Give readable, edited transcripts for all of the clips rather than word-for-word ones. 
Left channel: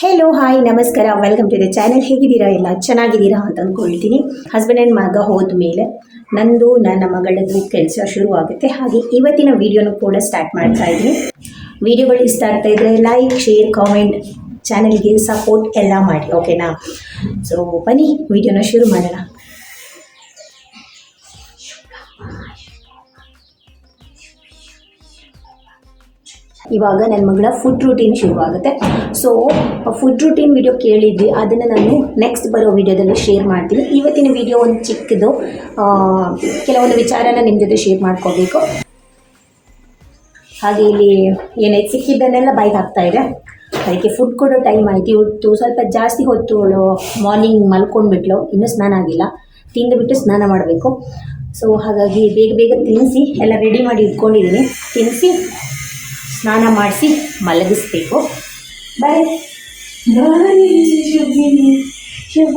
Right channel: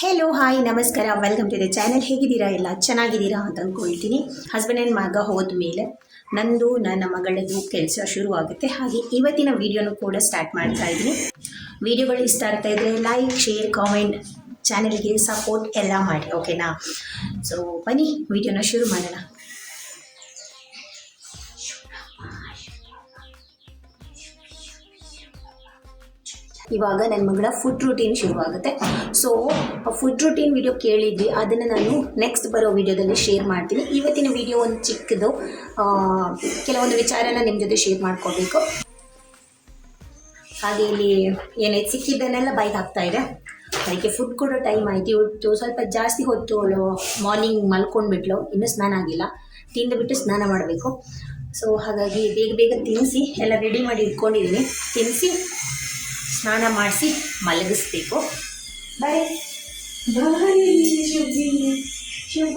Hello hi ನಮಸ್ಕಾರ, welcome to the channel. ಹೇಗಿದ್ದೀರಾ? ಎಲ್ಲ ಚೆನ್ನಾಗಿದ್ದೀರಾ ಅಂತ ಅಂದ್ಕೊಳ್ತೀನಿ. ಹಸ್ಬೆಂಡ್ ಆ್ಯಂಡ್ ಮಗ ಹೋದ ಮೇಲೆ ನಂದು ನನ್ನ ಮಗಳದ್ದು ಕೆಲಸ ಶುರು ಆಗುತ್ತೆ. ಹಾಗೆ ಇವತ್ತಿನ ವಿಡಿಯೋನು ಕೂಡ ಸ್ಟಾರ್ಟ್ ಮಾಡ್ತಾ ಇದ್ದೀನಿ. ವಿಡಿಯೋಗಳು ಇಷ್ಟ ಆಗ್ತಾ ಇದ್ದರೆ ಲೈಕ್, ಶೇರ್, ಕಾಮೆಂಟ್, ಚಾನಲ್ಗೆ ಸಪೋರ್ಟ್ ಎಲ್ಲ ಮಾಡಿ, ಓಕೆನಾ? ಸೊ ಬನ್ನಿ ವಿಡಿಯೋನ ಶುರು ಮಾಡೋಣ. ಇವಾಗ ನನ್ನ ಮಗಳ ಫುಡ್ ರೂಟೀನ್ ಶುರುವಾಗುತ್ತೆ. ಸೊ ಫುಡ್ ರೂಟೀನ್ ವಿಡಿಯೋ ಕೇಳಿದ್ವಿ, ಅದನ್ನು ನಾನು ನೆಕ್ಸ್ಟ್ ಬರೋ ವಿಡಿಯೋದಲ್ಲಿ ಶೇರ್ ಮಾಡ್ತೀನಿ. ಇವತ್ತಿನ ವಿಡಿಯೋ ಒಂದು ಚಿಕ್ಕದು, ಕೆಲವೊಂದು ವಿಚಾರನ ನಿಮ್ಮ ಜೊತೆ ಶೇರ್ ಮಾಡ್ಕೋಬೇಕು. ಹಾಗೆ ಇಲ್ಲಿ ಏನಾಯ್ತು ಸಿಕ್ಕಿದ್ದನ್ನೆಲ್ಲ ಬೈಕ್ ಹಾಕ್ತಾ ಇದೆ. ಅದಕ್ಕೆ ಫುಡ್ ಕೊಡೋ ಟೈಮ್ ಆಯಿತು. ಇವತ್ತು ಸ್ವಲ್ಪ ಜಾಸ್ತಿ ಹೊತ್ತು ಮಾರ್ನಿಂಗ್ ಮಲ್ಕೊಂಡ್ಬಿಟ್ಲು, ಇನ್ನೂ ಸ್ನಾನ ಆಗಿಲ್ಲ. ತಿಂದುಬಿಟ್ಟು ಸ್ನಾನ ಮಾಡಬೇಕು. ಸೊ ಹಾಗಾಗಿ ಬೇಗ ಬೇಗ ತಿನ್ನಿಸಿ ಎಲ್ಲ ರೆಡಿ ಮಾಡಿ ಇಟ್ಕೊಂಡಿದ್ದೀನಿ. ತಿನ್ನಿಸಿ ಸ್ನಾನ ಮಾಡಿಸಿ ಮಲಗಿಸ್ಬೇಕು. ಬಾಯ್ ಬಾಯ್ ಶುಭ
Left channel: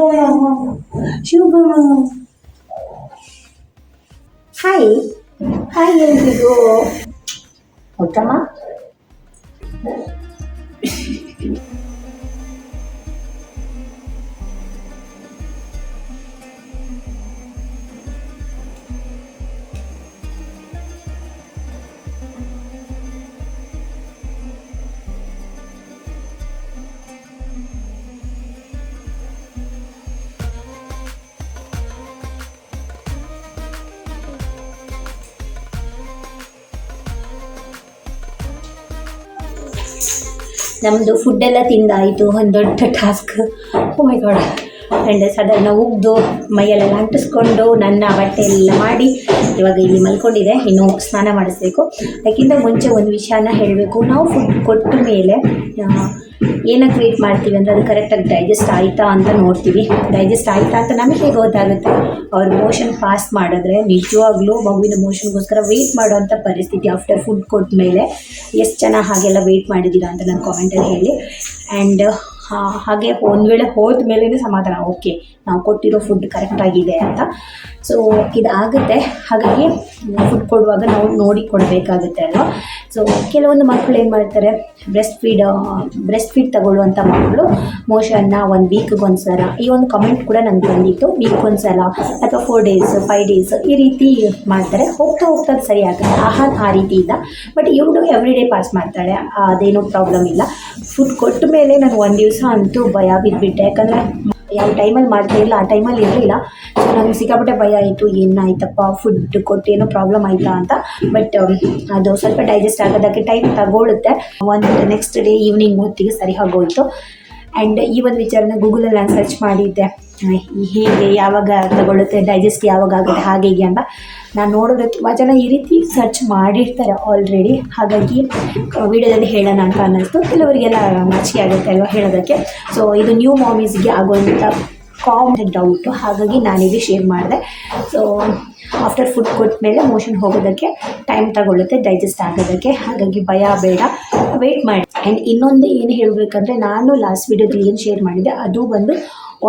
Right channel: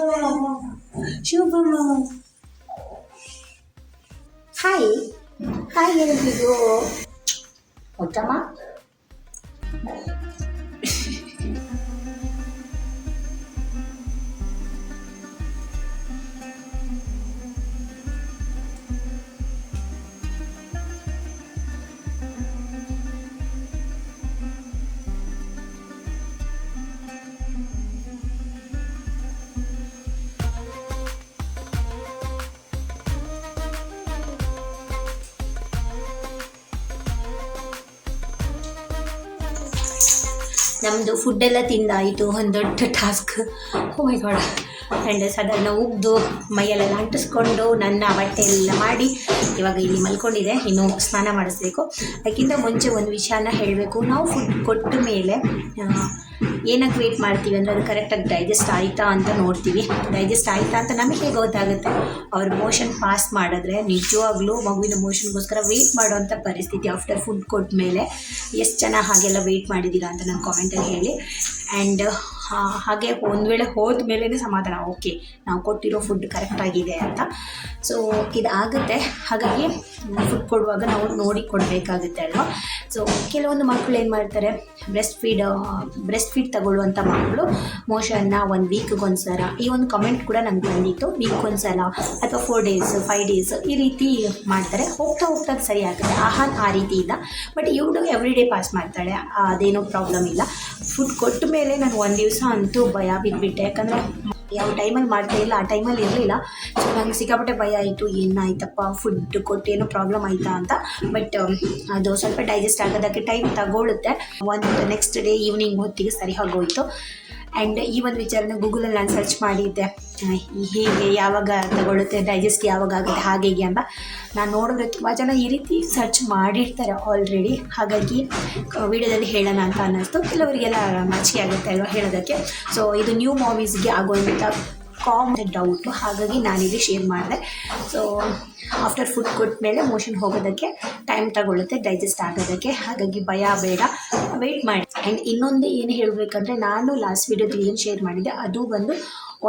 ಶುಭ. ಹಾಯ್ ಹಾಯ್ ಎಲ್ರಿಗೂ. ಉತ್ತಮ. ನಮ್ಮದು ಫುಡ್ಡೆಲ್ಲ ತಿಂದಾಯಿತು. ಒಂದು ದೊಡ್ಡ task. Oh my god. And ಸಾಧಾರಣ ಉಗ್ದು ಮೈಯಲ್ಲೆಲ್ಲ ಅಂಟಿಸ್ಕೊಂಡು ನನ್ನ ಬಟ್ಟೆ ಎಲ್ಲ ಮಾಡಿ ಇವಾಗ ಇಲ್ಲಿ ಮಲ್ಕೊಂಡಿದೆ. ಇನ್ನು ಸ್ನಾನ ಮಾಡಿಸ್ಬೇಕು. ಅದಕ್ಕಿಂತ ಮುಂಚೆ ಒಂದು ವಿಷಯನ ಹೇಳಬೇಕು. ನಾವು ಫುಡ್ ಕೊಟ್ಟ ಮೇಲೆ ಏನಕ್ಕೆ ವೇಟ್ ಮಾಡ್ತೀವಿ ಅಂದರೆ ಅದು ಕರೆಕ್ಟಾಗಿ ಡೈಜೆಸ್ಟ್ ಆಯಿತಾ ಅಂತ ನೋಡ್ತೀವಿ. ಡೈಜೆಸ್ಟ್ ಆಯಿತಾ ಅಂತ ನಮಗೆ ಹೇಗೆ ಗೊತ್ತಾಗುತ್ತೆ? ಅವ್ರ ಮೋಷನ್ ಪಾಸ್ ಮಾಡಿದ್ರೆ ನಿಜವಾಗ್ಲೂ ಮಗುವಿನ ಮೋಷನ್ಗೋಸ್ಕರ ವೆಯ್ಟ್ ಮಾಡುವಂಥ ಪರಿಸ್ಥಿತಿ ಆಫ್ಟರ್ ಫುಡ್ ಕೊಟ್ಟ ಮೇಲೆ. ಎಷ್ಟು ಜನ ಹಾಗೆಲ್ಲ ವೆಯ್ಟ್ ಮಾಡಿದ್ದೀರಾ ಅಂತ ನನ್ನ ಕಾಮೆಂಟಲ್ಲಿ ಹೇಳಿ. ಆ್ಯಂಡ್ ಹಾಗೆ ಒಂದು ವೇಳೆ ಹೋದ ಮೇಲೇ ಸಮಾಧಾನ, ಓಕೆ ನಾವು ಕೊಟ್ಟಿರೋ ಫುಡ್ ಕರೆಕ್ಟಾಗಿದೆ ಅಂತ. ಸೊ ಇದಾಗುತ್ತೆ. ಹಾಗಾಗಿ ಫುಡ್ ಕೊಡುವಾಗ ನಾವು ನೋಡಿ ಕೊಡಬೇಕಾಗುತ್ತೆ ಅಲ್ವಾ? ಸೊ ಕೆಲವೊಂದು ಮಕ್ಕಳು ಏನು ಮಾಡ್ತಾರೆ, ಬ್ರೆಸ್ಟ್ ಫೀಡ್ ತಗೊಳ್ಳುವಂಥ ಮಕ್ಕಳು ಮೋಷನ್ನ 1 ವೀಕ್ಗೆ ಒಂದು ಸಲ, ಈ ಒಂದು ಕಮೆಂಟ್ ಕೂಡ ನನಗೆ ಬಂದಿತ್ತು, ವೀಕ್ ಒಂದು ಸಲ ಅಥವಾ 4 ಡೇಸ್ 5 ಡೇಸ್ ಈ ರೀತಿ ಮಾಡ್ತಾರೆ. ಹೋಗ್ತಾ ಹೋಗ್ತಾ ಅದು ಸರಿ ಆಗುತ್ತೆ. ಆ ರೀತಿ ಇಲ್ಲ. ಬಟ್ ಇವಳು ಎವ್ರಿ ಡೇ ಪಾಸ್ ಮಾಡ್ತಾಳೆ, ಅದೇನೂ ಪ್ರಾಬ್ಲಮ್ ಇಲ್ಲ. ಫುಡ್ ಕೊಟ್ಟ ಮೇಲೆ ನಾನು 1 ದಿವಸ ಅಂತೂ ಭಯ ಬಿದ್ದುಬಿಟ್ಟೆ. ಯಾಕಂದರೆ ಯಾವ ಟೈಮಲ್ಲಿ ಮಾಡ್ತಾ ಇಲ್ಲ ಆ ಟೈಮಲ್ಲಿ ಇರಲಿಲ್ಲ. ಸೊ ನನಗೆ ಸಿಕ್ಕಾಪಟ್ಟೆ ಭಯ ಆಯಿತು, ಏನಾಯ್ತಪ್ಪ ಫುಡ್ ಕೊಟ್ಟು ಏನೋ ಪ್ರಾಬ್ಲಮ್ ಆಯಿತಾ ಅಂತ. ಬಟ್ ಅದು ಸ್ವಲ್ಪ ಡೈಜೆಸ್ಟ್ ಆಗೋದಕ್ಕೆ ಟೈಮ್ ತಗೊಳುತ್ತೆ. ಒಂದು ನೆಕ್ಸ್ಟ್ ಡೇ ಈವ್ನಿಂಗ್ ಹೊತ್ತಿಗೆ ಸರಿ ಆಗೋಯಿತು. ಆ್ಯಂಡ್ ಈ ಒಂದು ವಿಚಾರನ ಗೂಗಲಲ್ಲಿ ನಾನು ಸರ್ಚ್ ಮಾಡಿದ್ದೆ, ಹೇಗೆ ಯಾವಾಗ ತಗೊಳುತ್ತೆ, ಡೈಜೆಸ್ಟ್ ಯಾವಾಗ ಆಗುತ್ತೆ ಹಾಗೆ ಹೀಗೆ ಅಂತ. ನಾನು ನೋಡಿದ್ರೆ ತುಂಬ ಜನ ಈ ರೀತಿ ಸರ್ಚ್ ಮಾಡಿರ್ತಾರೆ ಆಲ್ರೆಡಿ. ಹಾಗಾಗಿ ವಿಡಿಯೋದಲ್ಲಿ ಹೇಳೋಣ ಅಂತ ಅನ್ನಿಸ್ತು. ಕೆಲವರಿಗೆಲ್ಲ ನಾಚಿಕೆ ಆಗುತ್ತೆ ಅಲ್ವಾ ಹೇಳೋದಕ್ಕೆ. ಸೊ ಇದು ನ್ಯೂ ಮಾಮೀಸ್ಗೆ ಆಗುವಂಥ ಕಾಮನ್ ಡೌಟು, ಹಾಗಾಗಿ ನಾನಿಲ್ಲಿ ಶೇರ್ ಮಾಡಿದೆ. ಸೊ ಆಫ್ಟರ್ ಫುಡ್ ಕೊಟ್ಟ ಮೇಲೆ ಮೋಷನ್ ಹೋಗೋದಕ್ಕೆ ಟೈಮ್ ತಗೊಳ್ಳುತ್ತೆ ಡೈಜೆಸ್ಟ್ ಆಗೋದಕ್ಕೆ. ಹಾಗಾಗಿ ಭಯ ಬೇಡ, ವೆಯ್ಟ್ ಮಾಡಿ. ಆ್ಯಂಡ್ ಇನ್ನೊಂದು ಏನು ಹೇಳಬೇಕಂದ್ರೆ, ನಾನು ಲಾಸ್ಟ್ ವೀಡಿಯೋದಲ್ಲಿ ಏನು ಶೇರ್ ಮಾಡಿದ್ದೆ ಅದು ಬಂದು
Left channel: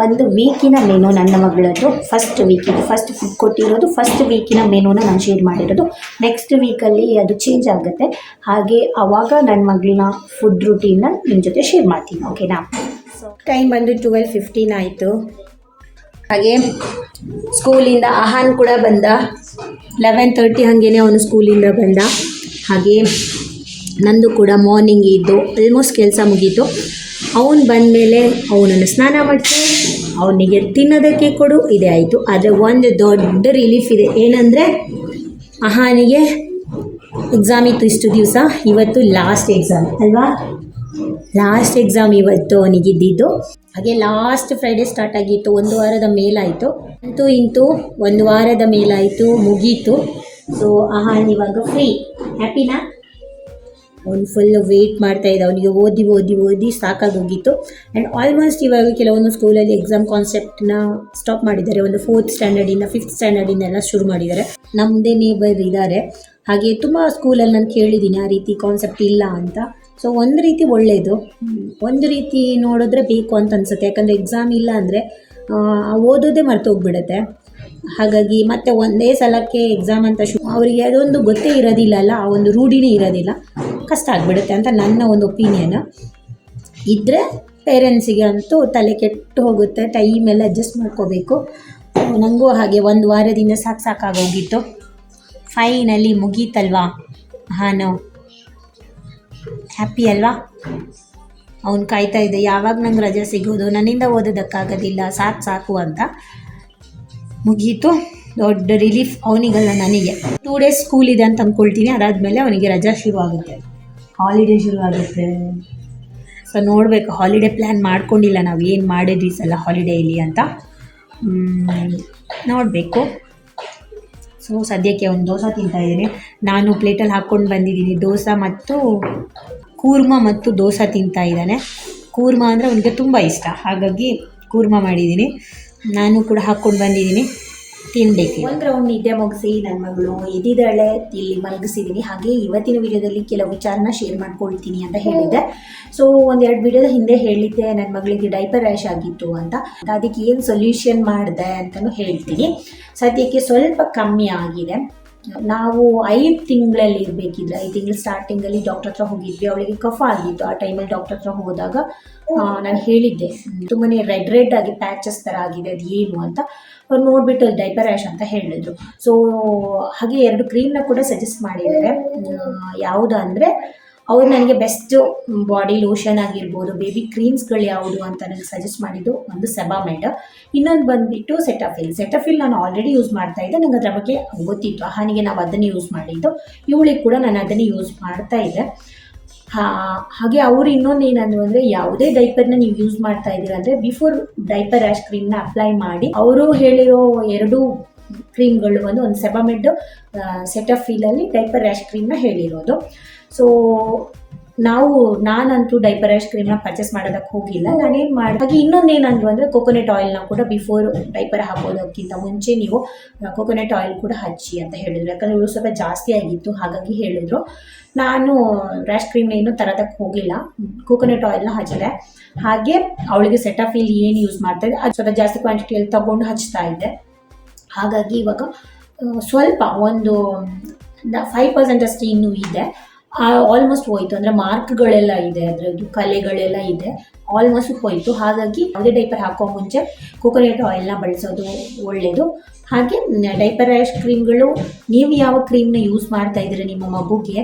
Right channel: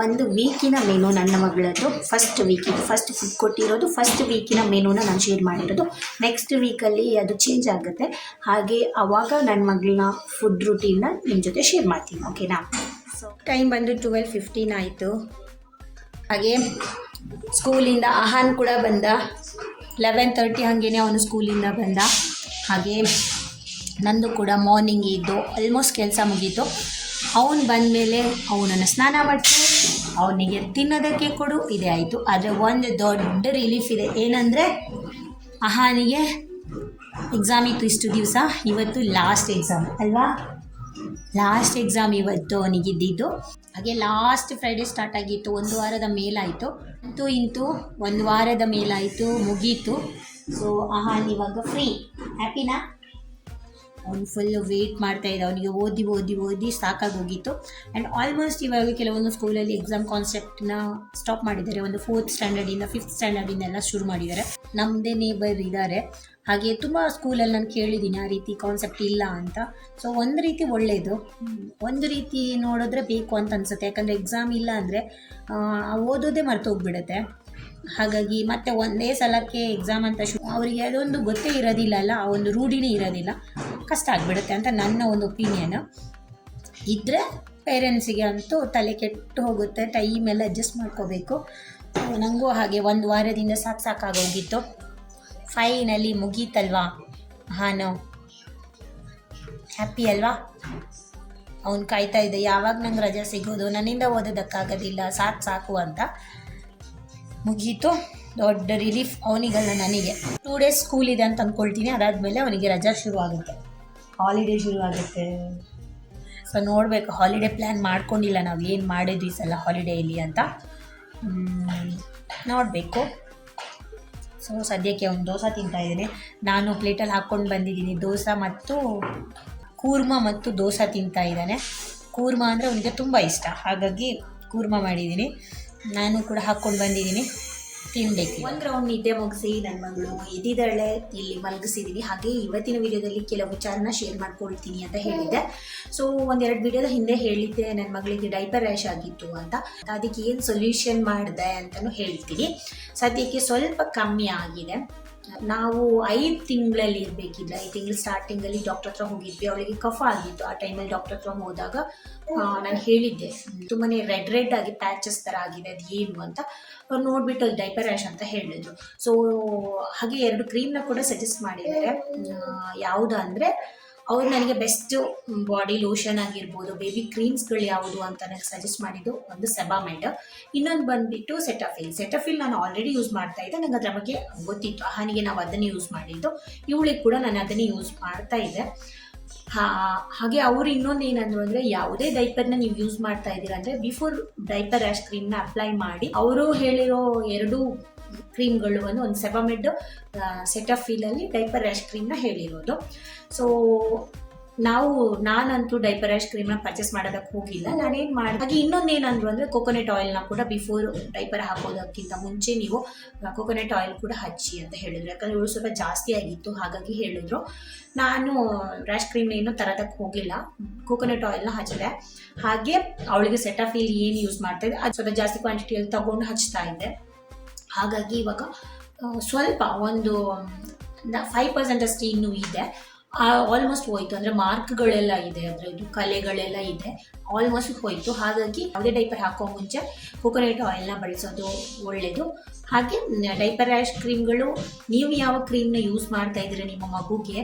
1 ವೀಕಿನ ಮೆನು. ನನ್ನ ಮಗಳದ್ದು ಫಸ್ಟ್ ಫುಡ್ ಕೊಟ್ಟಿರೋದು ಫಸ್ಟ್ ವೀಕಿನ ಮೆನುನ ನಾನು ಶೇರ್ ಮಾಡಿರೋದು. ನೆಕ್ಸ್ಟ್ ವೀಕಲ್ಲಿ ಅದು ಚೇಂಜ್ ಆಗುತ್ತೆ. ಹಾಗೆ ಆವಾಗ ನನ್ನ ಮಗಳನ್ನ ಫುಡ್ ರೂಟೀನ್ನ ನಿಮ್ಮ ಜೊತೆ ಶೇರ್ ಮಾಡ್ತೀನಿ, ಓಕೆನಾ? ಸೊ ಟೈಮ್ ಬಂದು 12:15 ಆಯಿತು. ಹಾಗೆ ಸ್ಕೂಲಿಂದ ಆಹಾನ್ ಕೂಡ ಬಂದ. 11:30 ಹಾಗೇ ಅವನು ಸ್ಕೂಲಿಂದ ಬಂದ. ಹಾಗೆ ನಂದು ಕೂಡ ಮಾರ್ನಿಂಗ್ ಇದ್ದು ಆಲ್ಮೋಸ್ಟ್ ಕೆಲಸ ಮುಗೀತು. ಅವನು ಬಂದಮೇಲೆ ಅವನನ್ನು ಸ್ನಾನ ಮಾಡಿಸಿ ಅವನಿಗೆ ತಿನ್ನೋದಕ್ಕೆ ಕೊಡು, ಇದೇ ಆಯಿತು. ಆದರೆ ಒಂದು ದೊಡ್ಡ ರಿಲೀಫ್ ಇದೆ, ಏನಂದರೆ ಆಹಾನಿಗೆ ಎಕ್ಸಾಮ್ ಇತ್ತು ಇಷ್ಟು ದಿವಸ. ಇವತ್ತು ಲಾಸ್ಟ್ ಎಕ್ಸಾಮ್ ಅಲ್ವಾ? ಲಾಸ್ಟ್ ಎಕ್ಸಾಮ್ ಇವತ್ತು ಅವನಿಗಿದ್ದಿದ್ದು. ಹಾಗೆ ಲಾಸ್ಟ್ ಫ್ರೈಡೇ ಸ್ಟಾರ್ಟ್ ಆಗಿತ್ತು, 1 ವಾರದ ಮೇಲಾಯಿತು. ಇಂತೂ 1 ವಾರದ ಮೇಲಾಯಿತು, ಮುಗೀತು. ಸೊ ಆಹಾನ್ ಇವಾಗ ಫ್ರೀ. ಹ್ಯಾಪಿನಾ? ಅವ್ನು ಫುಲ್ಲು ವೆಯ್ಟ್ ಮಾಡ್ತಾಯಿದ್ದ. ಅವನಿಗೆ ಓದಿ ಸಾಕಾಗೋಗಿತ್ತು. ಆ್ಯಂಡ್ ಆಲ್ಮೋಸ್ಟ್ ಇವಾಗ ಕೆಲವೊಂದು ಸ್ಕೂಲಲ್ಲಿ ಎಕ್ಸಾಮ್ ಕಾನ್ಸೆಪ್ಟನ್ನ ಸ್ಟಾಪ್ ಮಾಡಿದ್ದಾರೆ. ಒಂದು 4th ಸ್ಟ್ಯಾಂಡರ್ಡಿಂದ 5th ಸ್ಟ್ಯಾಂಡರ್ಡಿಂದೆಲ್ಲ ಶುರು ಮಾಡಿದ್ದಾರೆ. ನಮ್ಮದೇ ನೇಬರ್ ಇದ್ದಾರೆ. ಹಾಗೆ ತುಂಬ ಸ್ಕೂಲಲ್ಲಿ ನಾನು ಕೇಳಿದ್ದೀನಿ ಆ ರೀತಿ ಕಾನ್ಸೆಪ್ಟ್ ಇಲ್ಲ ಅಂತ. ಸೊ ಒಂದು ರೀತಿ ಒಳ್ಳೆಯದು, ಒಂದು ರೀತಿ ನೋಡಿದ್ರೆ ಬೇಕು ಅಂತ ಅನಿಸುತ್ತೆ. ಯಾಕಂದರೆ ಎಕ್ಸಾಮ್ ಇಲ್ಲ ಅಂದರೆ ಓದೋದೇ ಮರ್ತೋಗ್ಬಿಡುತ್ತೆ. ಹಾಗಾಗಿ ಮತ್ತೆ ಒಂದೇ ಸಲಕ್ಕೆ ಎಕ್ಸಾಮ್ ಅಂತ ಅವರಿಗೆ ಅದೊಂದು ಗೊತ್ತೇ ಇರೋದಿಲ್ಲ ಅಲ್ಲ, ಆ ಒಂದು ರೂಢಿನೇ ಇರೋದಿಲ್ಲ, ಕಷ್ಟ ಆಗಿಬಿಡುತ್ತೆ ಅಂತ ನನ್ನ ಒಂದು ಒಪಿನಿಯನ್. ಇದ್ದರೆ ಪೇರೆಂಟ್ಸಿಗೆ ಅಂತೂ ತಲೆ ಕೆಟ್ಟು ಹೋಗುತ್ತೆ, ಟೈಮೆಲ್ಲ ಅಡ್ಜಸ್ಟ್ ಮಾಡ್ಕೋಬೇಕು. ನನಗೂ ಹಾಗೆ ಒಂದು ವಾರದಿಂದ ಸಾಕಾಗೋಗಿತ್ತು. ಫೈನಲಿ ಮುಗೀತಲ್ವಾ. ನಾವು ಹ್ಯಾಪಿ ಅಲ್ವಾ. ಅವ್ನು ಕಾಯ್ತಾ ಇದ್ದೆ ಯಾವಾಗ ನಂಗೆ ರಜೆ ಸಿಗೋದು, ನನ್ನಿಂದ ಓದೋದಕ್ಕಾಗೋದಿಲ್ಲ, ಸಾಕು ಅಂತ. ಮುಗೀತು, ದೊಡ್ಡ ರಿಲೀಫ್ ಅವನಿಗಲ್ಲ ನನಗೆ. 2 days ಸ್ಕೂಲ್ ಇದೆ ಅಂತ ಅಂದ್ಕೊಳ್ತೀನಿ, ಅದಾದಮೇಲೆ ಅವನಿಗೆ ರಜಾ ಶುರು ಆಗುತ್ತೆ, ಹಾಲಿಡೇ ಶುರು ಆಗುತ್ತೆ. ಸೊ ನೋಡಬೇಕು, ಹಾಲಿಡೇ ಪ್ಲ್ಯಾನ್ ಮಾಡ್ಕೊಂಡಿಲ್ಲ ನಾವು, ಏನು ಮಾಡಿದ್ವಿ ಸಲ ಹಾಲಿಡೇಲಿ ಅಂತ ನೋಡಬೇಕು. ಸೊ ಸದ್ಯಕ್ಕೆ ಒಂದು ದೋಸೆ ತಿಂತಾಯಿದ್ದೀನಿ. ನಾನು ಪ್ಲೇಟಲ್ಲಿ ಹಾಕ್ಕೊಂಡು ಬಂದಿದ್ದೀನಿ ದೋಸೆ ಮತ್ತು ಕೂರ್ಮ ಮತ್ತು ದೋಸೆ ತಿಂತಾ ಇದ್ದಾನೆ. ಕೂರ್ಮ ಅಂದರೆ ಅವನಿಗೆ ತುಂಬ ಇಷ್ಟ, ಹಾಗಾಗಿ ಕೂರ್ಮ ಮಾಡಿದ್ದೀನಿ. ನಾನು ಕೂಡ ಹಾಕ್ಕೊಂಡು ಬಂದಿದ್ದೀನಿ, ತಿನ್ನಬೇಕು. ಒಂದು ರೌಂಡ್ ನಿದ್ದೆ ಮುಗಿಸಿ ನನ್ನ ಮಗಳು ಎದ್ದಿದ್ದಾಳೆ, ಇಲ್ಲಿ ಮಲಗಿಸಿದ್ದೀನಿ. ಹಾಗೆ ಇವತ್ತಿನ ವಿಡಿಯೋದಲ್ಲಿ ಕೆಲವು ವಿಚಾರನ ಶೇರ್ ಮಾಡ್ಕೊಳ್ತೀನಿ ಅಂತ ಹೇಳಿದ್ದೆ. ಸೊ 1-2 ವಿಡಿಯೋದ ಹಿಂದೆ ಹೇಳಿದ್ದೆ ನನ್ನ ಮಗಳಿಗೆ ಡೈಪರ್ ರ್ಯಾಶ್ ಆಗಿತ್ತು ಅಂತ. ಅದಕ್ಕೆ ಏನು ಸೊಲ್ಯೂಷನ್ ಮಾಡಿದೆ ಅಂತಲೂ ಹೇಳ್ತೀನಿ. ಸದ್ಯಕ್ಕೆ ಸ್ವಲ್ಪ ಕಮ್ಮಿ ಆಗಿದೆ. ನಾವು 5 ತಿಂಗಳಲ್ಲಿ ಇರಬೇಕಿದ್ರೆ 5 ತಿಂಗಳು ಸ್ಟಾರ್ಟಿಂಗಲ್ಲಿ ಡಾಕ್ಟರ್ ಹತ್ರ ಹೋಗಿದ್ವಿ. ಅವಳಿಗೆ ಕಫ ಆಗಿತ್ತು. ಆ ಟೈಮಲ್ಲಿ ಡಾಕ್ಟರ್ ಹತ್ರ ಹೋದಾಗ ನಾನು ಹೇಳಿದ್ದೆ ತುಂಬಾ ರೆಡ್ ಆಗಿ ಪ್ಯಾಚಸ್ ಥರ ಆಗಿದೆ, ಅದು ಏನು ಅಂತ. ಅವ್ರು ನೋಡಿಬಿಟ್ಟು ಅದು ಡೈಪರ್ ರ್ಯಾಶ್ ಅಂತ ಹೇಳಿದ್ರು. ಸೊ ಹಾಗೆ 2 ಕ್ರೀಮ್ನ ಕೂಡ ಸಜೆಸ್ಟ್ ಮಾಡಿದ್ದಾರೆ. ಯಾವುದು ಅಂದರೆ ಅವ್ರು ನನಗೆ ಬೆಸ್ಟ್ ಬಾಡಿ ಲೋಷನ್ ಆಗಿರ್ಬೋದು, ಬೇಬಿ ಕ್ರೀಮ್ಸ್ಗಳು ಯಾವುದು ಅಂತ ನನಗೆ ಸಜೆಸ್ಟ್ ಮಾಡಿದ್ದು ಒಂದು ಸೆಬಾಮೆಡ್, ಇನ್ನೊಂದು ಬಂದುಬಿಟ್ಟು ಸೆಟಫಿಲ್ ನಾನು ಆಲ್ರೆಡಿ ಯೂಸ್ ಮಾಡ್ತಾ ಇದ್ದೆ, ನನಗೆ ಅದರ ಬಗ್ಗೆ ಗೊತ್ತಿತ್ತು. ಹಾನಿಗೆ ನಾವು ಅದನ್ನು ಯೂಸ್ ಮಾಡಿದ್ದು, ಇವಳಿಗೆ ಕೂಡ ನಾನು ಅದನ್ನು ಯೂಸ್ ಮಾಡ್ತಾ ಇದ್ದೆ. ಹಾಗೆ ಅವರು ಇನ್ನೊಂದು ಏನಂದ್ರು ಅಂದರೆ, ಯಾವುದೇ ಡೈಪರ್ನ ನೀವು ಯೂಸ್ ಮಾಡ್ತಾ ಇದ್ದೀರಾ ಅಂದರೆ ಬಿಫೋರ್ ಡೈಪರ್ ರ್ಯಾಶ್ ಕ್ರೀಮ್ನ ಅಪ್ಲೈ ಮಾಡಿ. ಅವರು ಹೇಳಿರೋ 2 ಕ್ರೀಮ್ಗಳು ಒಂದು ಸೆಬಾಮೆಡ್, ಸೆಟಫಿಲಲ್ಲಿ ಡೈಪರ್ ರ್ಯಾಶ್ ಕ್ರೀಮ್ನ ಹೇಳಿರೋದು. ಸೊ ನಾನಂತೂ ಡೈಪರ್ ರ್ಯಾಶ್ ಕ್ರೀಮ್ನ ಪರ್ಚೇಸ್ ಮಾಡೋದಕ್ಕೆ ಹೋಗಿಲ್ಲ. ನಾನೇನು ಮಾಡಿ ಹಾಗೆ ಇನ್ನೊಂದೇನಂದ್ರು ಅಂದರೆ ಕೋಕೋನಟ್ ಆಯಿಲ್ನ ಕೂಡ ಬಿಫೋರ್ ಡೈಪರ್ ಹಾಕೋದಕ್ಕಿಂತ ಮುಂಚೆ ನೀವು ಕೋಕೋನಟ್ ಆಯಿಲ್ ಕೂಡ ಹಚ್ಚಿ ಅಂತ ಹೇಳಿದ್ರು. ಯಾಕಂದರೆ ಇವಳು ಸ್ವಲ್ಪ ಜಾಸ್ತಿ ಆಗಿತ್ತು, ಹಾಗಾಗಿ ಹೇಳಿದ್ರು. ನಾನು ರ್ಯಾಶ್ ಕ್ರೀಮ್ನ ಏನೂ ತರೋದಕ್ಕೆ ಹೋಗಿಲ್ಲ, ಕೋಕೋನಟ್ ಆಯಿಲ್ನ ಹಚ್ಚಿದೆ. ಹಾಗೆ ಅವಳಿಗೆ ಸೆಟಫಿಲ್ ಏನು ಯೂಸ್ ಮಾಡ್ತಾಯಿದ್ದೆ ಅದು ಸ್ವಲ್ಪ ಜಾಸ್ತಿ ಕ್ವಾಂಟಿಟಿಯಲ್ಲಿ ತೊಗೊಂಡು ಹಚ್ತಾ ಇದ್ದೆ. ಹಾಗಾಗಿ ಇವಾಗ ಸ್ವಲ್ಪ ಒಂದು 5% ಅಷ್ಟು ಇನ್ನೂ ಇದೆ, ಆಲ್ಮೋಸ್ಟ್ ಹೋಯಿತು. ಅಂದರೆ ಮಾರ್ಕ್ಗಳೆಲ್ಲ ಇದೆ, ಅದರದ್ದು ಕಲೆಗಳೆಲ್ಲ ಇದೆ, ಆಲ್ಮೋಸ್ಟ್ ಹೋಯಿತು. ಹಾಗಾಗಿ ಯಾವುದೇ ಡೈಪರ್ ಹಾಕೋ ಮುಂಚೆ ಕೋಕೋನಟ್ ಆಯಿಲ್ನ ಬಳಸೋದು ಒಳ್ಳೆಯದು. ಹಾಗೆ ಡೈಪರ್ ರ್ಯಾಶ್ ಕ್ರೀಮ್ಗಳು, ನೀವು ಯಾವ ಕ್ರೀಮ್ನ ಯೂಸ್ ಮಾಡ್ತಾ ಇದ್ದೀರ ನಿಮ್ಮ ಮಗುಗೆ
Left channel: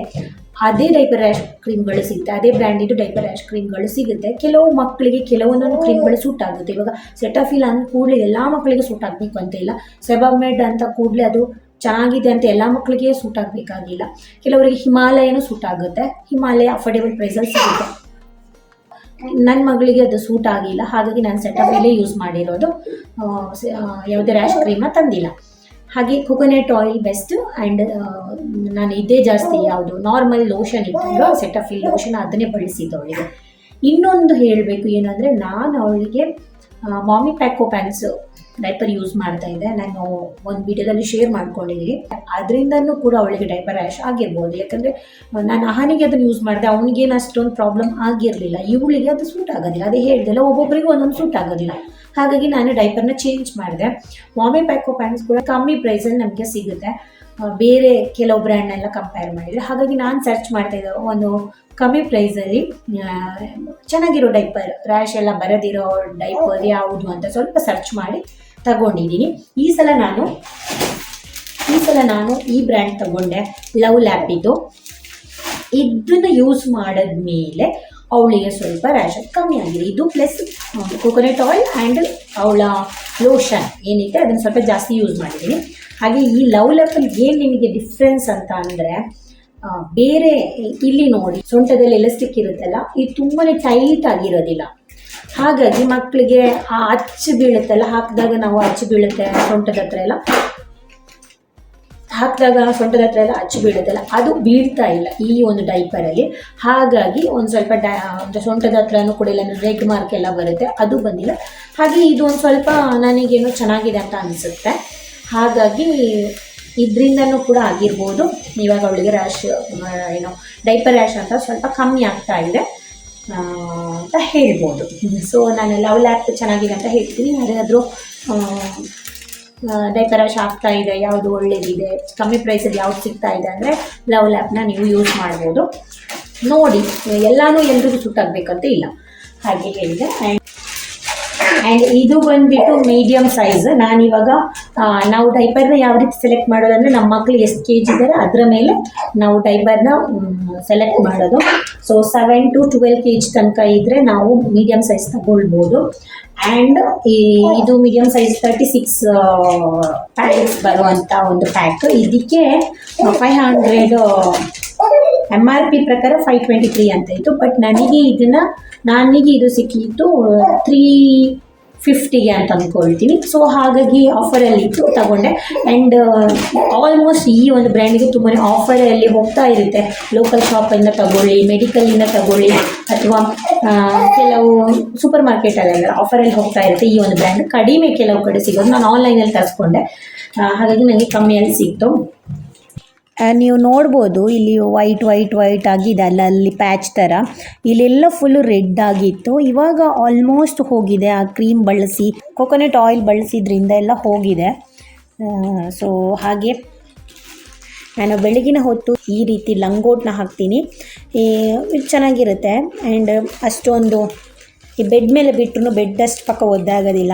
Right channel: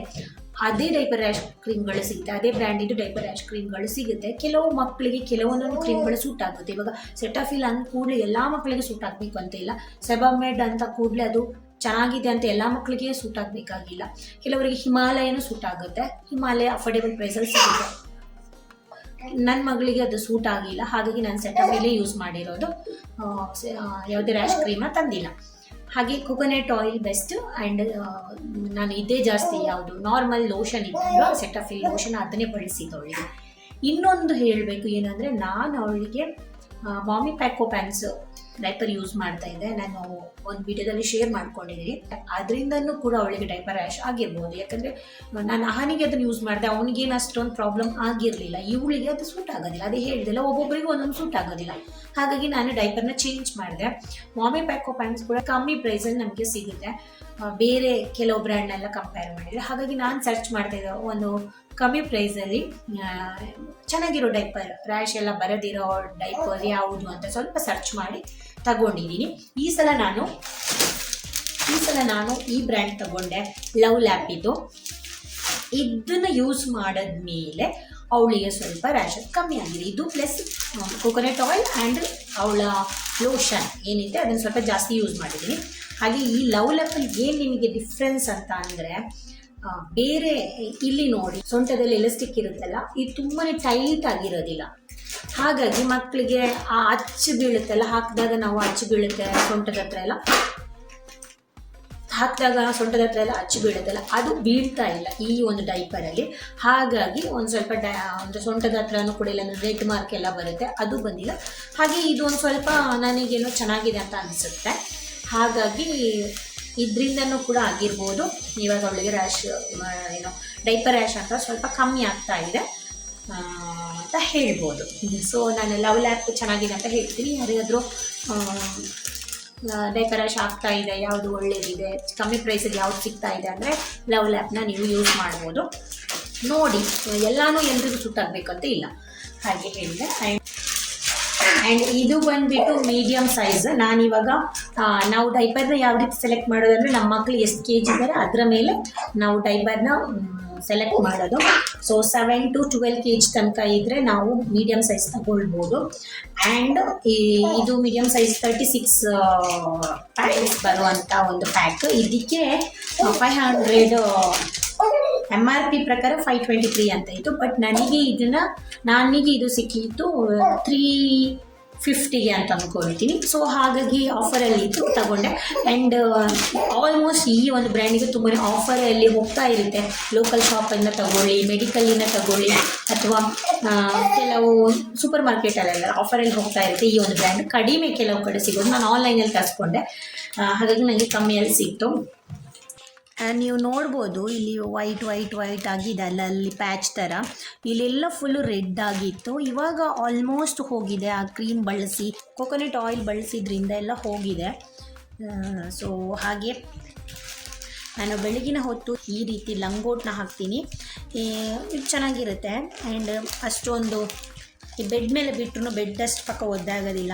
ಅದೇ ಡೈಪರ್ ರ್ಯಾಶ್ ಕ್ರೀಮ್ಗಳು ಸಿಗುತ್ತೆ, ಅದೇ ಬ್ರ್ಯಾಂಡಿದ್ದು ಡೈಪರ್ ರ್ಯಾಶ್ ಕ್ರೀಮ್ಗಳು ಸಿಗುತ್ತೆ. ಕೆಲವು ಮಕ್ಕಳಿಗೆ ಕೆಲವೊಂದೊಂದು ಕ್ರೀಮ್ಗಳು ಸೂಟ್ ಆಗುತ್ತೆ. ಇವಾಗ ಸೆಟಫಿಲ್ ಅಂದ ಕೂಡಲೇ ಎಲ್ಲ ಮಕ್ಕಳಿಗೆ ಸೂಟ್ ಆಗಬೇಕು ಅಂತ ಇಲ್ಲ, ಸೆಬಾಮೆಡ್ ಅಂತ ಕೂಡಲೇ ಅದು ಚೆನ್ನಾಗಿದೆ ಅಂತ ಎಲ್ಲ ಮಕ್ಕಳಿಗೆ ಸೂಟ್ ಆಗಬೇಕಾಗಿಲ್ಲ. ಕೆಲವರಿಗೆ ಹಿಮಾಲಯನೂ ಸೂಟ್ ಆಗುತ್ತೆ, ಹಿಮಾಲಯ ಅಫೋರ್ಡೆಬಲ್ ಪ್ರೈಸಲ್ಲಿ ಸಿಗುತ್ತೆ. ನನ್ನ ಮಗಳಿಗೆ ಅದು ಸೂಟ್ ಆಗಿಲ್ಲ, ಹಾಗಾಗಿ ನಾನು ಸೆಟಫಿಲೇ ಯೂಸ್ ಮಾಡಿರೋದು, ಯಾವುದೇ ರ್ಯಾಶ್ ಕ್ರೀಮ್ನ ತಂದಿಲ್ಲ. ಹಾಗೆ ಕೋಕೋನಟ್ ಆಯಿಲ್ ಬೆಸ್ಟ್. ಆ್ಯಂಡ್ ನಾನು ಇದೇ ಜಾಸ್ತಿ ಯಾವುದು ನಾರ್ಮಲ್ ಲೋಷನ್ ಇತ್ತಲ್ವ ಸೆಟಫಿಲ್ ಲೋಷನ್, ಅದನ್ನೇ ಬಳಸಿದ್ದು ಅವಳಿಗೆ. ಇನ್ನೊಂದು ಹೇಳಬೇಕು ಏನಂದರೆ, ನಾನು ಅವಳಿಗೆ ಮಾಮಿ ಪ್ಯಾಕೋ ಪ್ಯಾಂಟ್ಸ್ ಡೈಪರ್ ಯೂಸ್ ಮಾಡ್ತಾ ಇದ್ದೆ. ನಾನು ಒಂದು ವಿಡಿಯೋದಲ್ಲಿ ಶೇರ್ ಮಾಡ್ಕೊಂಡಿದ್ದೀನಿ. ಅದರಿಂದನೂ ಕೂಡ ಅವಳಿಗೆ ಡೈಪರ್ ರ್ಯಾಶ್ ಆಗಿರ್ಬೋದು. ಯಾಕಂದರೆ ನಾನು ಆಹಾನಿಗೆ ಅದನ್ನು ಯೂಸ್ ಮಾಡಿದೆ, ಅವನಿಗೇನು ಅಷ್ಟೊಂದು ಪ್ರಾಬ್ಲಮ್ ಆಗಿರಲಿಲ್ಲ. ಇವಳಿಗೆ ಅದು ಸೂಟ್ ಆಗೋದಿಲ್ಲ, ಅದೇ ಹೇಳ್ದಿಲ್ಲ, ಒಬ್ಬೊಬ್ಬರಿಗೂ ಒಂದೊಂದು ಸೂಟ್ ಆಗೋದಿಲ್ಲ. ಹಾಗಾಗಿ ನಾನು ಡೈಪರ್ನ ಚೇಂಜ್ ಮಾಡಿದೆ. ಮಾಮಿ ಪ್ಯಾಕೋ ಪ್ಯಾಂಟ್ಸ್ ಕೂಡ ಕಮ್ಮಿ ಪ್ರೈಸಲ್ಲಿ ನಮಗೆ ಸಿಗುತ್ತೆ, ಬೇರೆ ಕೆಲವು ಬ್ರ್ಯಾಂಡ್ನೆಲ್ಲ ಕಂಪೇರ್ ಮಾಡಿದರೆ. ಹಾಗಾಗಿ ನಾನು ಸರ್ಚ್ ಮಾಡ್ತಾಯಿದ್ದೆ ಒಂದು ಕಮ್ಮಿ ಪ್ರೈಸಲ್ಲಿ ಚೆನ್ನಾಗಿರೋ ಡೈಪರ್, ರ್ಯಾಶ್ ಎಲ್ಲ ಬರೋದಿರೋ ಡೈಪರ್ ಯಾವುದು ಅಂತ ಸ್ವಲ್ಪ ಸರ್ಚ್ ಮಾಡಿ ತಗೊಂಡಿದ್ದೀನಿ. ಈ ಸಲ ನಾನು ಈ ಬ್ರ್ಯಾಂಡ್ ತಗೊಂಡೆ, ಲವ್ ಲ್ಯಾಪಿದು. ಇದನ್ನು ಯೂಸ್ ಮಾಡಿದ್ಮೇಲೆ ಅವಳಿಗೆ ಸ್ವಲ್ಪ ರ್ಯಾಶ್ ಕಮ್ಮಿ ಆಗಿದೆ. ಇದು ಪ್ಲಸ್ ಕೋಕೋನಟ್ ಆಯಿಲ್ ಆ್ಯಂಡ್ ಅವಳ ಲೋಷನ್ ಏನಿದೆ ಅದನ್ನು ಸ್ವಲ್ಪ ಜಾಸ್ತಿ ಯೂಸ್ ಮಾಡಿದ್ದೀನಿ. ಹಾಗೆ ಈ ಲವ್ ಲ್ಯಾಪಲ್ಲಿ ಏನು ನಿಮಗೆ ಡಿಫ್ರೆನ್ಸ್ ಅಂತ ಅಂದರೆ, ಬೇರೆ ಇಲ್ಲಿ ನೋಡಿ ಸೊಂಟದಲ್ಲಿ ಎಲಾಸ್ಟಿಕ್ ಇರುತ್ತಲ್ಲ, ಇದು ತುಂಬಾ ಟೈಟ್ ಆಗಿರೋದಿಲ್ಲ. ಹಾಗಾಗಿ ಮಕ್ಕಳಿಗೆ ಆ ಅಚ್ಚು ಬೀಳುತ್ತಲ್ಲ, ಹಾಕಿದಾಗ ನಾವು ಅಚ್ಚು ಬೀಳುತ್ತೆ ಸೊಂಟದ ಹತ್ರ ಎಲ್ಲ, ಅಚ್ಚು ಬೀಳುತ್ತಲ್ಲ, ಅದು ಬೀಳ್ತಾ ಇಲ್ಲ ಈ ಒಂದು ಡೈಪರಲ್ಲಿ. ಹಾಗಾಗಿ ಒಂದು ಸ್ವಲ್ಪ ಸೊಂಟದ ಹತ್ರನೂ ಕೂಡ ಇಲ್ಲ, ರೆಡ್ ಮಾರ್ಕ್ ಎಲ್ಲ ಬರುತ್ತೆ, ಅದು ಬಂದಿಲ್ಲ. ಹಾಗೆ ಇದು ಒಂದು ಸ್ವಲ್ಪ ನನಗೇನು ಚೆನ್ನಾಗಿದೆ ಅಂತ ಅನಿಸುತ್ತೆ. ಹಾಗಾಗಿ ಇದರಿಂದನೂ ಕೂಡ ಆಗಿರ್ಬೋದು ಇವಾಗ ಅವಳಿಗೆ ರ್ಯಾಶ್ ಡೈಪರ್ ರ್ಯಾಶ್ ಅಂತ ಸ್ವಲ್ಪ ಕಮ್ಮಿ ಆಗ್ತಾ ಇದೆ ಅಂತ ಹೇಳ್ಬೋದು. ಸೊ ನಾನು ಲವ್ ಲ್ಯಾಪ್ ಚೆನ್ನಾಗಿದೆ ಅಂತ ಹೇಳ್ತೀನಿ. ಯಾರಿಗಾದರೂ ಡೈಪರ್ ರ್ಯಾಶ್ ಆಗ್ತಾ ಇದೆ, ಯಾವುದು ಒಳ್ಳೇದಿದೆ, ಕಮ್ಮಿ ಪ್ರೈಸಲ್ಲಿ ಯಾವ್ದು ಸಿಗ್ತಾ ಇದೆ ಅಂದರೆ ಲವ್ ಲ್ಯಾಪ್ನ ನೀವು ಯೂಸ್ ಮಾಡ್ಬೋದು. ನೋಡಿ, ಎಲ್ಲನೂ ಎಲ್ರಿಗೂ ಸೂಟ್ ಆಗಬೇಕಂತ ಇಲ್ಲ. ಹಾಗೆ ಹೇಳಿದೆ. ಆ್ಯಂಡ್ ಇದು ಬಂದುಬಿಟ್ಟು ಮೀಡಿಯಮ್ ಸೈಜ್. ನಾನಿವಾಗ ನಾವು ಡೈಪರ್ನ ಯಾವ ರೀತಿ ಸೆಲೆಕ್ಟ್ ಮಾಡೋದಂದರೆ ನಮ್ಮ ಮಕ್ಕಳು ಎಷ್ಟು ಕೆ ಜಿ ಇದ್ದಾರೆ ಅದರ ಮೇಲೆ ನಾವು ಡೈಪರ್ನ ಸೆಲೆಕ್ಟ್ ಮಾಡೋದು. ಸೊ 7 to 12 kg ತನಕ ಇದ್ದರೆ ನಾವು ಮೀಡಿಯಮ್ ಸೈಜ್ ತಗೊಳ್ಬೋದು. ಆ್ಯಂಡ್ ಇದು ಮೀಡಿಯಮ್ ಸೈಜ್ 36 ಪ್ಯಾಕೆಟ್ಸ್ ಬರುವಂಥ ಒಂದು ಪ್ಯಾಕ್. ಇದಕ್ಕೆ 500 MRP ಪ್ರಕಾರ 523 ಅಂತ ಇತ್ತು. ಬಟ್ ನನಗೆ ಇದು ಸಿಕ್ಕಿತ್ತು 350ಗೆ ಅಂತ ಅಂದ್ಕೊಳ್ತೀನಿ. ಸೊ ಹಾಗಾಗಿ ಆಫರಲ್ಲಿತ್ತು, ತಗೊಂಡೆ. ಆ್ಯಂಡ್ ಆಲ್ಮೋಸ್ಟ್ ಈ ಒಂದು ಬ್ರ್ಯಾಂಡಿಗೆ ತುಂಬಾ ಆಫರಲ್ಲಿ ಹೋಗ್ತಾ ಇರುತ್ತೆ. ಲೋಕಲ್ ಶಾಪಿಂದ ತಗೊಳ್ಳಿ, ಮೆಡಿಕಲಿಂದ ತಗೊಳ್ಳಿ, ಅಥವಾ ಕೆಲವು ಸೂಪರ್ ಮಾರ್ಕೆಟಲ್ಲೆಲ್ಲ ಆಫರಲ್ಲಿ ಹೋಗ್ತಾ ಇರುತ್ತೆ ಈ ಒಂದು ಬ್ರ್ಯಾಂಡ್. ಕಡಿಮೆ ಕೆಲವು ಕಡೆ ಸಿಗೋದು. ನಾನು ಆನ್ಲೈನಲ್ಲಿ ತರಿಸ್ಕೊಂಡೆ, ಹಾಗಾಗಿ ನನಗೆ ಕಮ್ಮಿಯಲ್ಲಿ ಸಿಕ್ತು. ನೀವು ನೋಡ್ಬೋದು ಇಲ್ಲಿ ವೈಟ್ ಆಗಿದೆ ಅಲ್ಲಿ ಪ್ಯಾಚ್ ಥರ. ಇಲ್ಲೆಲ್ಲ ಫುಲ್ಲು ರೆಡ್ ಆಗಿತ್ತು. ಇವಾಗ ಆಲ್ಮೋಸ್ಟ್ ಹೋಗಿದೆ. ಆ ಕ್ರೀಮ್ ಬಳಸಿ, ಕೊಕೊನಟ್ ಆಯಿಲ್ ಬಳಸಿದ್ರಿಂದ ಎಲ್ಲ ಹೋಗಿದೆ. ಸೊ ಹಾಗೆ ನಾನು ಬೆಳಗಿನ ಹೊತ್ತು ಈ ರೀತಿ ಲಂಗೋಟ್ನ ಹಾಕ್ತೀನಿ. ಇದು ಚೆನ್ನಾಗಿರುತ್ತೆ. ಆ್ಯಂಡ್ ಅಷ್ಟೊಂದು ಈ ಬೆಡ್ ಮೇಲೆ ಬಿಟ್ಟರು ಬೆಡ್ ಅಷ್ಟು ಪಕ್ಕ ಒದ್ದಾಗೋದಿಲ್ಲ.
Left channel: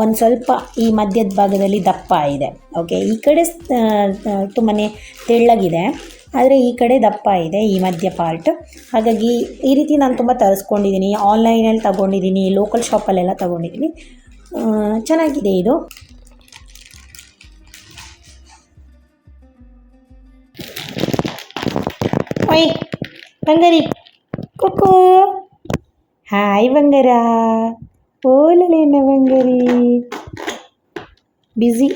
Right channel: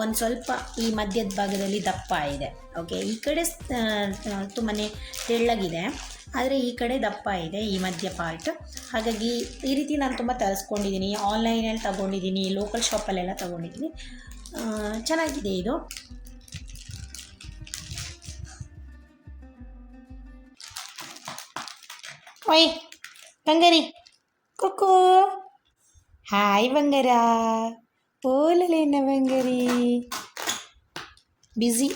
ಒಂದು ಸ್ವಲ್ಪ ಈ ಮಧ್ಯದ ಭಾಗದಲ್ಲಿ ದಪ್ಪ ಇದೆ. ಓಕೆ, ಈ ಕಡೆ ತುಂಬಾ ತೆಳ್ಳಗಿದೆ, ಆದರೆ ಈ ಕಡೆ ದಪ್ಪ ಇದೆ ಈ ಮಧ್ಯ ಪಾರ್ಟ್. ಹಾಗಾಗಿ ಈ ರೀತಿ ನಾನು ತುಂಬ ತರಿಸ್ಕೊಂಡಿದ್ದೀನಿ. ಆನ್ಲೈನಲ್ಲಿ ತಗೊಂಡಿದ್ದೀನಿ, ಲೋಕಲ್ ಶಾಪಲ್ಲೆಲ್ಲ ತಗೊಂಡಿದ್ದೀನಿ. ಚೆನ್ನಾಗಿದೆ ಇದು. ಓಯ್ ಬಂಗಾರಿ, ಕೊಕ್ಕೋ, ಹಾಯ್ ಬಂಗಾರ, ಓಲಲೇನ ಬಂಗಾರಿ. ಬ್ಯುಸಿ,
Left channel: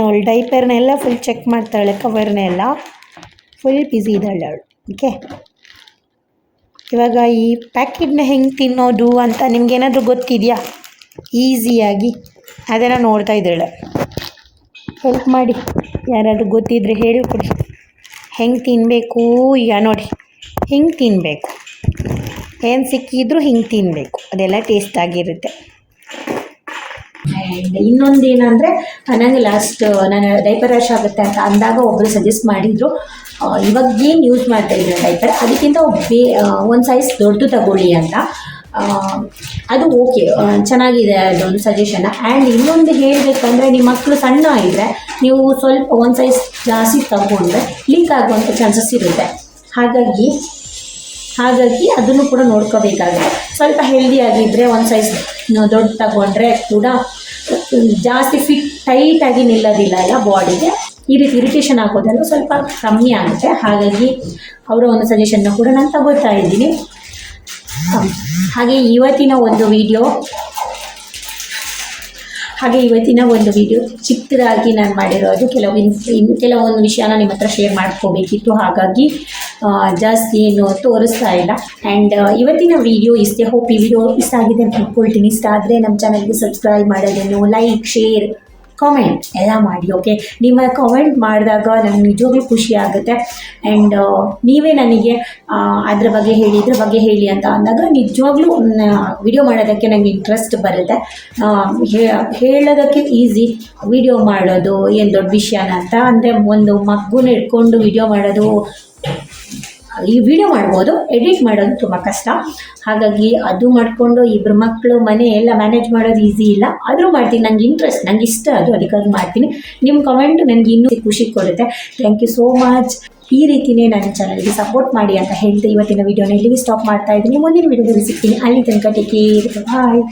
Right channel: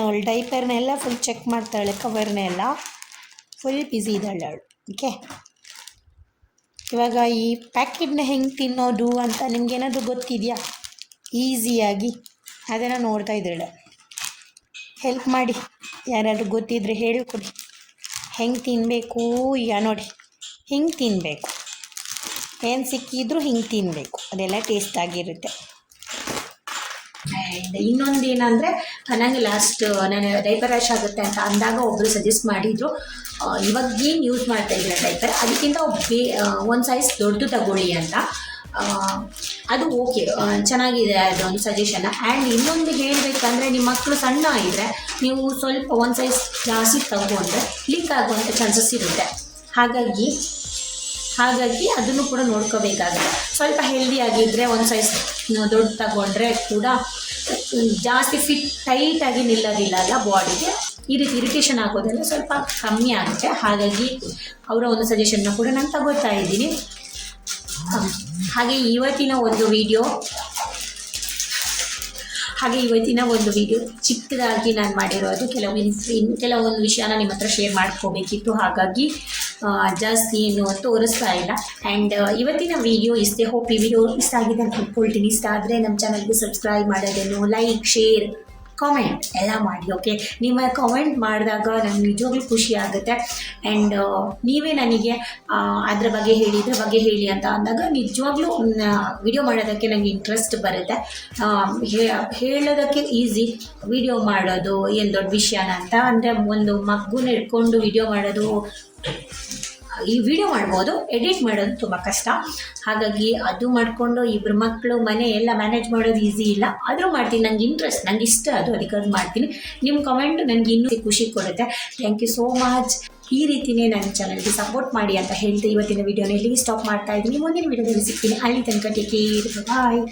ಅವಳು ಡೈಪರ್ನೆಲ್ಲ ಫುಲ್ ಚೆಕ್ ಮಾಡ್ತಾಳೆ, ಕವರ್ನೆಲ್ಲ ಫುಲ್ ಬ್ಯುಸಿ ಇದ್ದಾಳೆ ಅವಳು. ಓಕೆ, ಇವಾಗ ಈ ಪ್ಯಾಕೆಟ್ನ ಹೆಂಗೆ ತಿನ್ನೋದು ಅಂತ ನಿಮ್ಗೇನಾದರೂ ಗೊತ್ತಿದೆಯಾ? ಈಸಿಯಾಗಿ ಅದನ್ನು ನೋಡ್ತಾ ಇದ್ದಾಳೆ. ಹೆಲ್ಪ್ ಮಾಡಿ, ಯಾರಾದರೂ ಗೊತ್ತಿದ್ದರೆ ಹೇಳಿಕೊಡಿ. ಹೆಂಗೆ ತಿನ್ನಬೇಕು ಈಗ ನೋಡಿ, ಹಿಂಗೆ ತಿನ್ನಬೇಕು. ಏನು ಸಿಕ್ಕಿದ್ರೂ ಹಿಂಗೆ ತಿನ್ನಬೇಕು, ಅದೆಲ್ಲ ಟೇಸ್ಟಾಗಿರುತ್ತೆ. ಆ್ಯಂಡ್ ಇನ್ನೊಂದು ಏನಂದರೆ, ನನಗೆ ನಾನು ಡೈಪರ್ ರ್ಯಾಶ್ ಆಗುತ್ತೆ ಅಂತ ಅಂದಾಗ ಒಬ್ಬರು ಸಜೆಸ್ಟ್ ಮಾಡಿದರು, ಇವಾಗ ಏನು ಯೂಸ್ ಮಾಡ್ತಾಯಿದ್ರೆ ಡೈಪರ್ ಅದಕ್ಕಿಂತ ಒಂದು ಸೈಜ್ ದೊಡ್ಡದು ತಗೊಳ್ಳಿ ಅಂತ. ಅದು ಓಕೆ, ಚೆನ್ನಾಗಿದೆ ಅದೊಂದು ಸಜೆಷನ್. ಆ್ಯಂಡ್ ಇನ್ನೊಂದು ಹೇಳಬೇಕಂದ್ರೆ, ನಿಮ್ಮ ಮಕ್ಕಳು ಸಣ್ಣ ಇದ್ದರೆ ನೀವು ಸ್ವಲ್ಪ ಒಂದು ಸೈಜ್ ಜಾಸ್ತಿ ತಗೊಂಡ್ರೆ ಲೀಕ್ ಆಗುವಂಥ ಚಾನ್ಸಸ್ ಇರುತ್ತೆ. ಹಾಗಾಗಿ ಅದನ್ನು ಕೂಡ ನೋಡ್ಕೋಬೇಕಾಗುತ್ತೆ. ಸ್ವಲ್ಪ ಹೆಲ್ದಿಯಾಗಿದ್ದರೆ ಒಂದು ಸೈಜ್ ದೊಡ್ಡ ತಗೊಂಡ್ರೆ ಕೂಡ ಜಾಸ್ತಿ ಟೈಟಾಗಿ ನಿಲ್ಲೋದಿಲ್ಲ ಅಲ್ಲ ಬಾಡಿಗೆ. ಈ ರೀತಿ ಇರಿಟೇಷನ್ ಆಗೋದೆಲ್ಲ ಸ್ವಲ್ಪ ಕಮ್ಮಿ ಆಗುತ್ತೆ. ಹಾಗಾಗಿ ಅವರ ಒಂದು ಸಜೆಷನ್ನ ಕೂಡ ನಾನು ತಗೋತಾ ಇದ್ದೀನಿ. ಹಾಗೆ ಇವತ್ತಿನ ಒಂದು ವಿಡಿಯೋ ಚಿಕ್ಕದಾಗಿ ನಾನು ಮಾಡಿರೋದು. ಕೆಲವೊಂದು ವಿಷಯನ ನಿಮ್ಮ ಹತ್ರ ಶೇರ್ ಮಾಡ್ಕೋಬೇಕಿತ್ತು, ಹಾಗಾಗಿ ಜಾಸ್ತಿ ಏನು ತೋರಿಸ್ತಾ ಇಲ್ಲ. ಆ್ಯಂಡ್ ಇವತ್ತಿನ ವಿಡಿಯೋ ಇಷ್ಟೇ. ಹೋಪ್ ಈ ವಿಡಿಯೋ ಇಷ್ಟ ಆಗಿದೆ ಅಂತ ಅಂದ್ಕೊಳ್ತೀನಿ. ಇಷ್ಟ ಆದರೆ ನಮ್ಮ ಚಾನಲ್ಗೆ ಸಬ್ಸ್ಕ್ರೈಬ್ ಮಾಡೋದೇನು, ಲೈಕ್, ಶೇರ್, ಕಾಮೆಂಟ್ ಎಲ್ಲ ಮಾಡಿ. ಓಕೆ, ನಿಮ್ಮ ಕಾಮೆಂಟ್ ಮಾಡಿದಾಗ ನನಗೆ ನಿಜವಾಗ್ಲೂ ಖುಷಿ ಆಗುತ್ತೆ. ಆ್ಯಂಡ್ ನೀವೇ ನನಗೆ ಅದ್ರ ಬಗ್ಗೆ ಹೇಳಿ ಅಂತ ಅಂದಾಗ ನಿಜವಾಗ್ಲೂ ವಿಡಿಯೋ ಮಾಡೋದಕ್ಕೆ ನನಗೆ ಇಂಟ್ರೆಸ್ಟ್ ಬರುತ್ತೆ. ಹೇಳೋದಕ್ಕೆ ಈಸಿ, ವಿಡಿಯೋ ಮಾಡೋದು ಏನು ದೊಡ್ಡ ವಿಷಯನ ಅಂತ. ಅಂದರೆ ಒಂದು ಮಗುನ ಇಟ್ಕೊಂಡು ವಿಡಿಯೋ ಮಾಡೋದು, ಈ ವಿಡಿಯೋ ಮಾಡ್ಬೋದು, ಎಡಿಟ್ ಮಾಡೋದು ತುಂಬ ಕಷ್ಟ. ಹಾಗಾಗಿ ಅದು ಮಾಡಿಕೊಂಡು ಇಬ್ಬರು ಮಕ್ಕಳು ಮನೆ ಎಲ್ಲ ಮ್ಯಾನೇಜ್ ಮಾಡೋದು ಈಸಿ ಇಲ್ಲ. ಆದರೂ ಮಾಡ್ತೀನಿ, ನಂಗೆ ಇಷ್ಟ ಅದು, ಅದಕ್ಕಾಗಿ ಮಾಡ್ತೀನಿ. ನಿಮ್ಮ ಕಮೆಂಟ್ ನನಗೆ ಇನ್ನೂ ಖುಷಿ ಕೊಡುತ್ತೆ. Thank you so much. ಈ ರೀತಿಯೇ ನನ್ನ ಚಾನಲ್ಗೆ ಸಪೋರ್ಟ್ ಮಾಡಿ ಅಂತ ಹೇಳ್ತಾ ಇವತ್ತಿನ ವಿಡಿಯೋನ ಇಲ್ಲಿಗೆ ಸ್ಟಾಪ್ ಮಾಡ್ತಾ ಇದ್ದೀನಿ. ಮುಂದಿನ ವಿಡಿಯೋದಲ್ಲಿ ಸಿಗ್ತೀನಿ. ಅಲ್ಲಿ ತನಕ ಟೇಕ್ ಕೇರ್, ಬಾಯ್.